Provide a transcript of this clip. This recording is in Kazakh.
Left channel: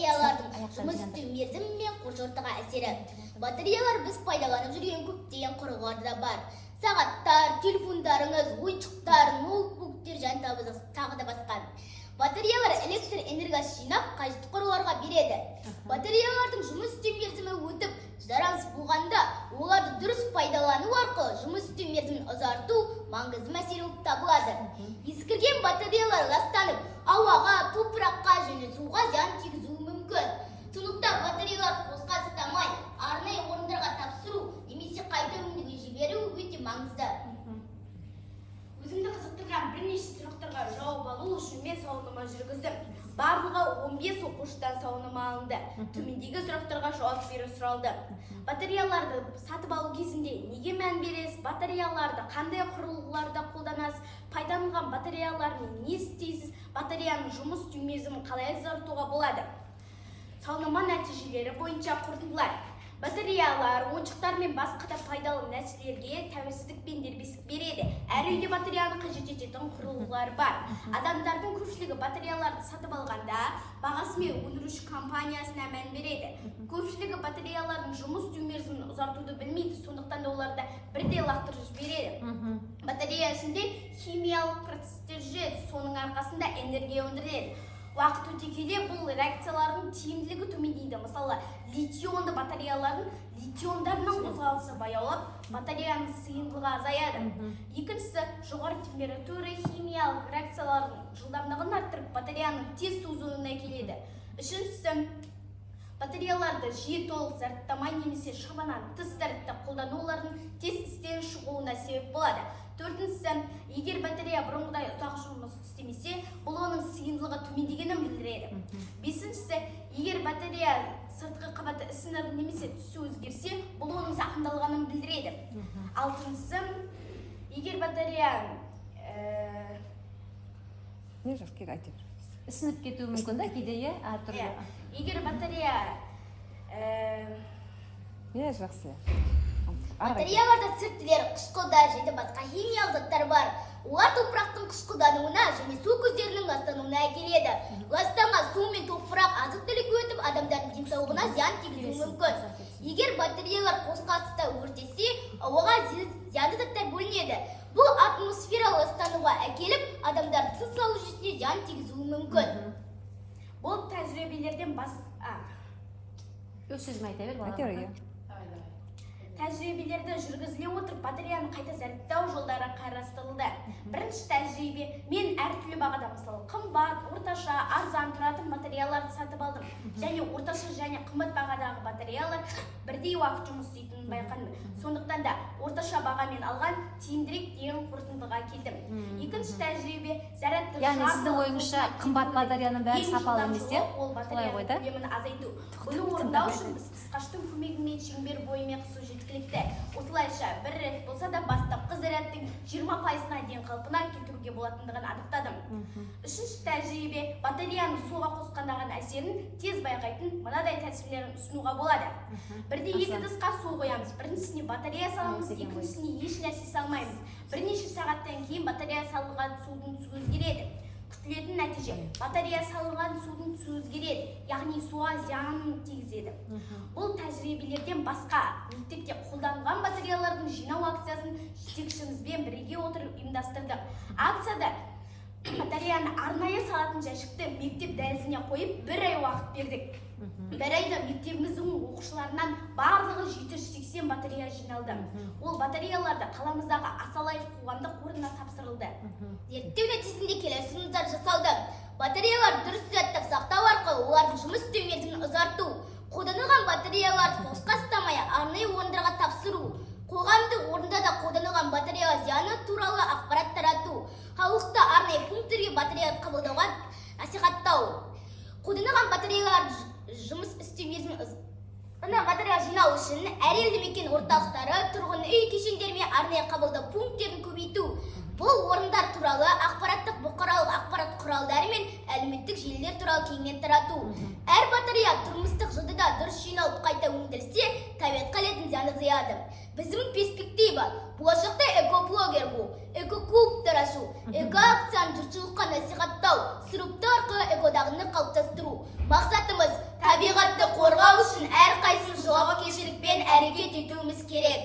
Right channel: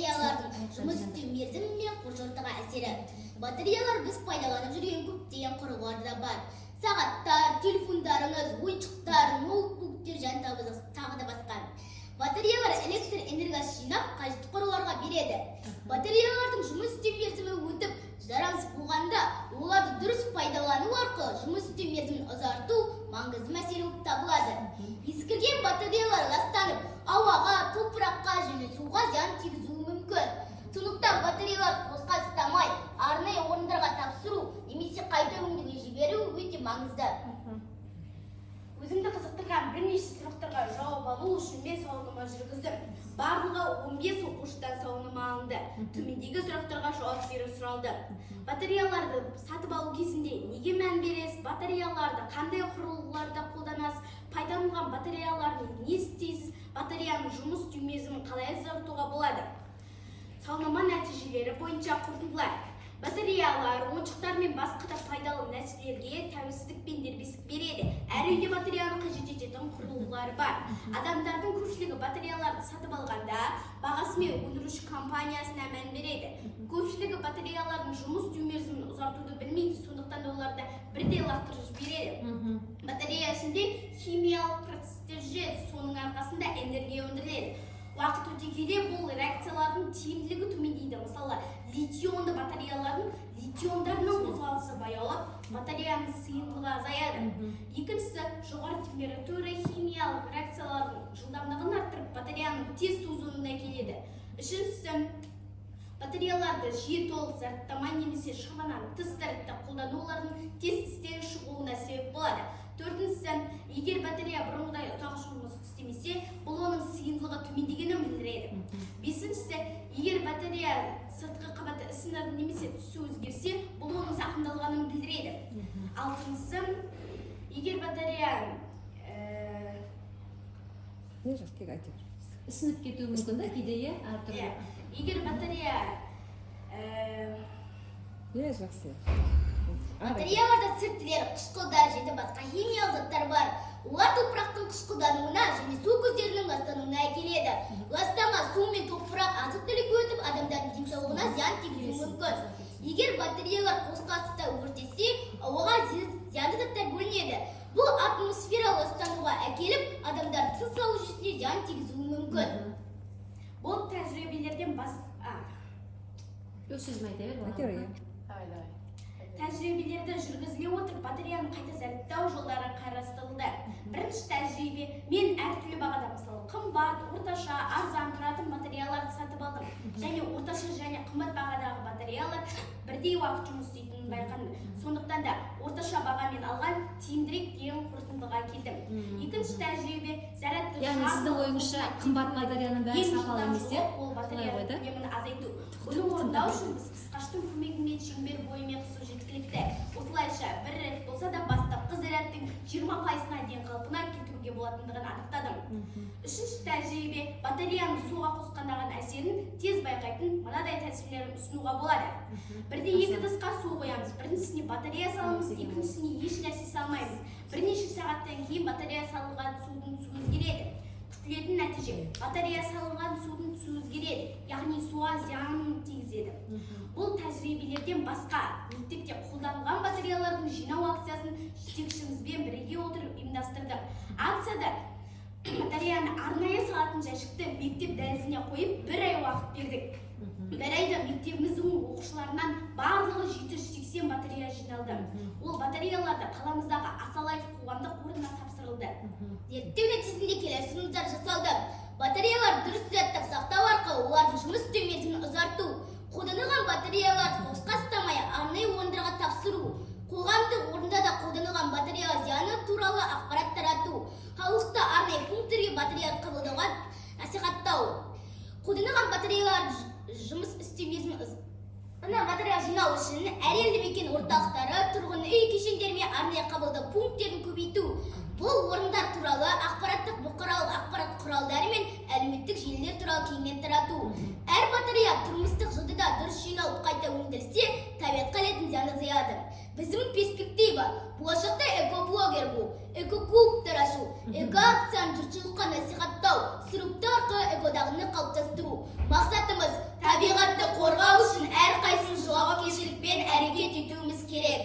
батареялардың жұмыс істеу мерзімі мен қоршаған ортаға әсері. Батареялар біз пайдаланып жүрген көптеген құрылғылар да бар. Сағаттар, телефондарыңыз, ойыншықтар, ноутбуктер және тағы да басқа. Батареялар электр энергиясын жинап, қажетті құрылғыларға береді. Батареялардың жұмыс істеу мерзімі өтіп, жарамсыз болғанда, оларды дұрыс пайдалану арқылы жұмыс істеу мерзімін ұзарту маңызды мәселе болып табылады. Ескірген батареялар ластанып, ауаға, топыраққа және суға зиян тигізуі мүмкін. Сондықтан батареяларды босқа ұстамай, арнайы орындарға тапсыру немесе қайта өңдеуге жіберу өте маңызды. Өзімді қызықтырған бірнеше сұрақтарға жауап алу үшін мен сауалнама жүргіздім. Барлығы 15 оқушыдан сауалнама алынды. Төмендегі сұрақтарға жауап беру сұралды. Батареяларды сатып алу кезінде неге мән бересіз? Батареяларды қандай құрылғыларда қолданасыз? Пайдаланған батареялармен не істейсіз? Батареяның жұмыс істеу мерзімін қалай ұзартуға болады? Сауалнама нәтижелері бойынша қорытындылар. Батареялар, ойыншықтар мен басқа да пайдалы нәрселерге тәуелсіздік пен дербестік береді. Әр үйде батареяны қажет ететін құрылғылар бар. Адамдардың көпшілігі батареяларды сатып алғанда бағасы мен өндіруші компаниясына мән береді. Көпшілігі батареялардың жұмыс істеу мерзімін ұзартуды білмейді, сондықтан да оларды бірдей лақтырып жібереді. Батарея ішінде химиялық процестер жүреді, соның арқасында энергия өндіріледі. Уақыт өте келе бұл реакциялардың тиімділігі төмендейді. Мысалы, литионды батареялардың литиондарының қозғалысы баяулап, батареяның сыйымдылығы азаяды. Екіншісі, жоғары температура химиялық реакциялардың жылдамдығын арттырып, батареяның тез тозуына келеді. Үшіншісі, батареяларды жиі толық зарядтамай немесе шамадан тыс зарядта қолдану олардың тез істен шығуына себеп болады. Төртіншісі, егер батарея бұрынғыдай ұзақ жұмыс істемесе, бұл оның сыйымдылығы төмендегенін білдіреді. Бесіншісі, егер батарея сыртқы қабаты ісініп немесе түсі өзгерсе, бұл оның зақымдалғанын білдіреді. Алтыншысы, егер батарея ісініп кетуі мүмкін да кейде, әртүрлі. Егер батарея жақсы. Батареяларда цирктілер, қышқылдар және басқа химиялық заттар бар. Олар топырақтың қышқылдануына және су көздерінің ластануына әкеледі. Ластанған су мен топырақ азық-түлік өтіп, адамдардың денсаулығына зиян тигізуі мүмкін. Егер батареялар қозғалыста өртесе, ауаға зиянды заттар бөлінеді. Бұл атмосфера ластануға әкеліп, адамдардың тыныс алу жүйесіне зиян тигізуі мүмкін. Бұл тәжірибелерден тәжірибелерді жүргізіле отырып, батареяны қайта зарядтау жолдары қарастырылды. Бірінші тәжірибе, мен әртүрлі бағада, мысалы, қымбат, орташа, арзан тұратын батареяларды сатып алдым. Және орташа және қымбат бағадағы батареялар бірдей уақыт жұмыс істейтінін байқадым. Сондықтан да орташа бағамен алған тиімдірек деген қорытындыға келдім. Екінші тәжірибе, зарядты яғни сіздің ойыңызша қымбат батареяның бәрі сапалы емес, ол батареяның көлемін азайту. Бұны орындау үшін біз қысқаштың көмегімен шеңбер бойымен қысу жеткілікті. Осылайша бір рет болса да бастапқы зарядтың 20%-на дейін қалпына келтіруге болатындығын анықтадым. Үшінші тәжірибе, батареяның суға қосқандағы әсерін тез байқайтын мынадай тәсірлерін ұсынуға болады. Бірде екі ыдысқа су қоямыз. Біріншісіне батарея саламыз, екіншісіне еш нәрсе салмаймыз. Бірнеше сағаттан кейін батарея салынған судың түсі өзгереді. Күтілетін нәтиже, батарея салынған судың түсі өзгереді, яғни суға зиянын тигізеді. Бұл тәжірибелерден басқа, мектепте қолданылған батареялардың жинау акциясын жетекшімізбен бірге отырып ұйымдастырдық. Акцияда батареяны арнайы салатын жәшікті мектеп дәлізіне қойып, бір ай уақыт бердік. Бір айда мектебіміздің оқушыларынан барлығы 780 батарея жиналды. Ол батареяларды қаламыздағы Асалаев қоғамдық қорына тапсырылды. Зерттеу нәтижесінде келесі ұсыныстар жасалды. Батареяларды дұрыс зарядтап сақтау арқылы олардың жұмыс істеу мерзімін ұзарту, қолданылған батареяларды босқа ұстамай арнайы орындарға тапсыру, қоғамдық орында да қолданылған батарея зияны туралы ақпарат тарату, халықты арнайы пункттерге батареяны қабылдауға насихаттау, қолданылған батареялардың жұмыс істеу мерзімін батарея жинау үшін әр елді мекен орталықтары, тұрғын үй кешендері мен арнайы қабылдау пункттерін көбейту. Бұл орындар туралы ақпараттық бұқаралық ақпарат құралдары мен әлеуметтік желілер туралы кеңінен тарату. Әр батарея тұрмыстық жадыда дұрыс жиналып қайта өндірілсе, табиғатқа келетін зиян азаяды. Біздің перспектива болашақта экоблогер болу, экоклубтар ашу, экоакцияны жұртшылыққа насихаттау, сұрыптау арқылы экодағыны қалыптастыру. Мақсатымыз қорғау үшін әрқайсымыз жауапкершілікпен әрекет етуіміз керек.